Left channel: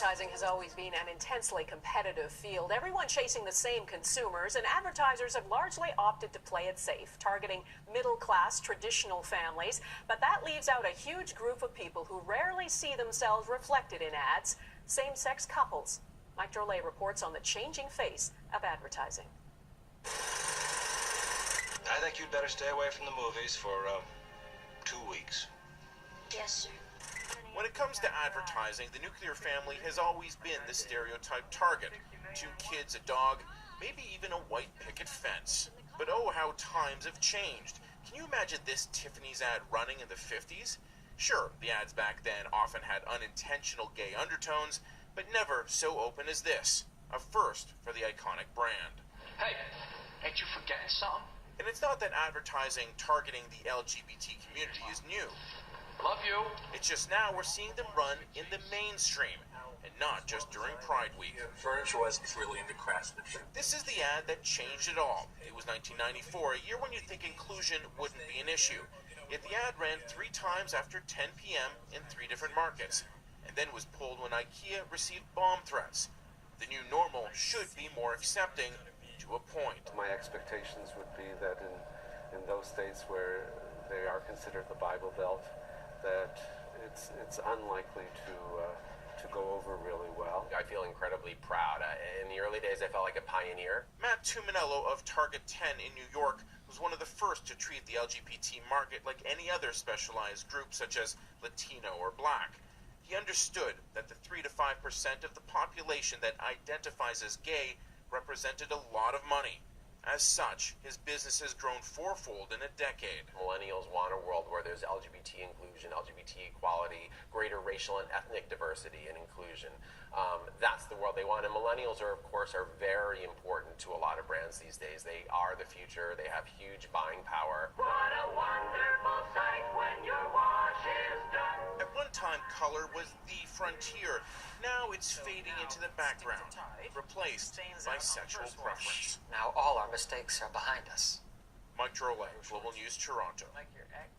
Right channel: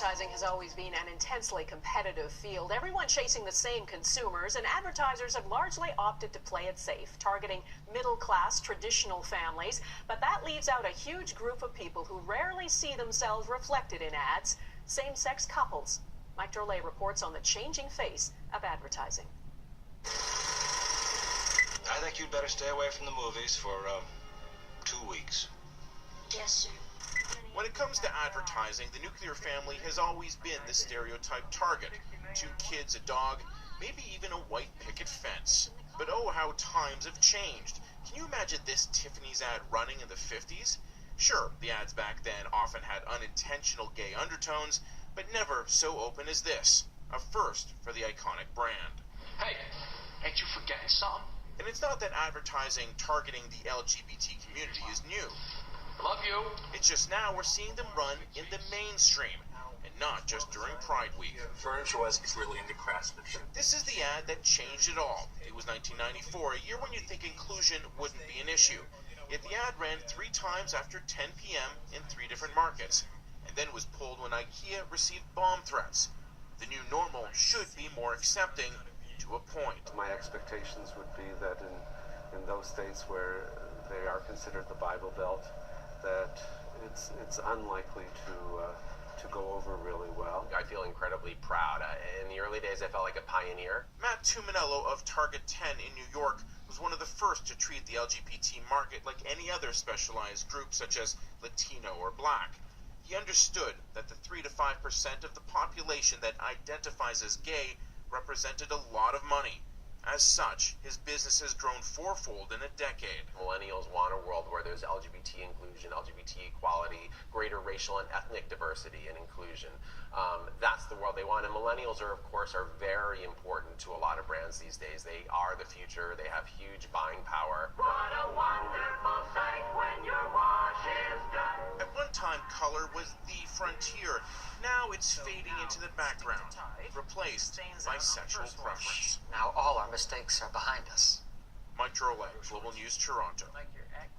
Advertising has always been an intensely competitive field, everyone chasing the same consumers, and advertisers have largely opted to play it safe, targeting middle-class, traditional families. But that leaves out a huge group of people who rarely see themselves reflected in ads, same-sex couples. Mike Drolet reports on the changing face of advertising. I think you'd better stay away from the movies for 2 weeks. Yes, sir. When it comes to advertising, the nuclear family has always been the stereotype target. 2 kids, a dog, maybe even a white picket fence. But oh, how times have changed. Can you imagine this Tiffany's ad running in the 50s? Sure, the ads back then often had unintentional gay undertones, but never so open as this. A first for the iconic brand. Hey, ain't you forgetting something? And it's not that advertising targeting the LGBT community is new. Love you. It's just now we're seeing them run in the mainstream, and not just during Pride Week. Furniture was really into craftsmanship. This is the ad that changed it all. It was 1994, a year when you'd think inclusion wouldn't be an issue. Yet the ad ran 3 times after 10 p.m. in 3 different markets, and then was pulled when IKEA received bomb threats. The new normal should be more accepting, to a point. My expectations would be that in those states where they are considered the Bible Belt, that it's unlikely to go over really well. I feel incredibly proud. In the early days, I felt like a pioneer. Matt Tuminello of Target 10 in New York was one of the first to treat the LGBT market like any other specialized group, such as Latino or Black. He understood that the 3 to 5% of the population that identifies as gay represented a lot of money. As such, his business has grown 4-fold in a decade. Millennials want a world where there's LGBT inclusion, LGBT equality, greater racial and ethnic diversity and inclusion. That's the world they want. And millennials are very important to a lot of brands these days. They are the future. They have huge buying power. What a wonderful sight when your wash is done. At one time, color was the frontier. Now it's fading into the background, replaced by sexual preference. Now all our mistakes are behind us. Mike Drolet, Global News, Toronto. Like your ex.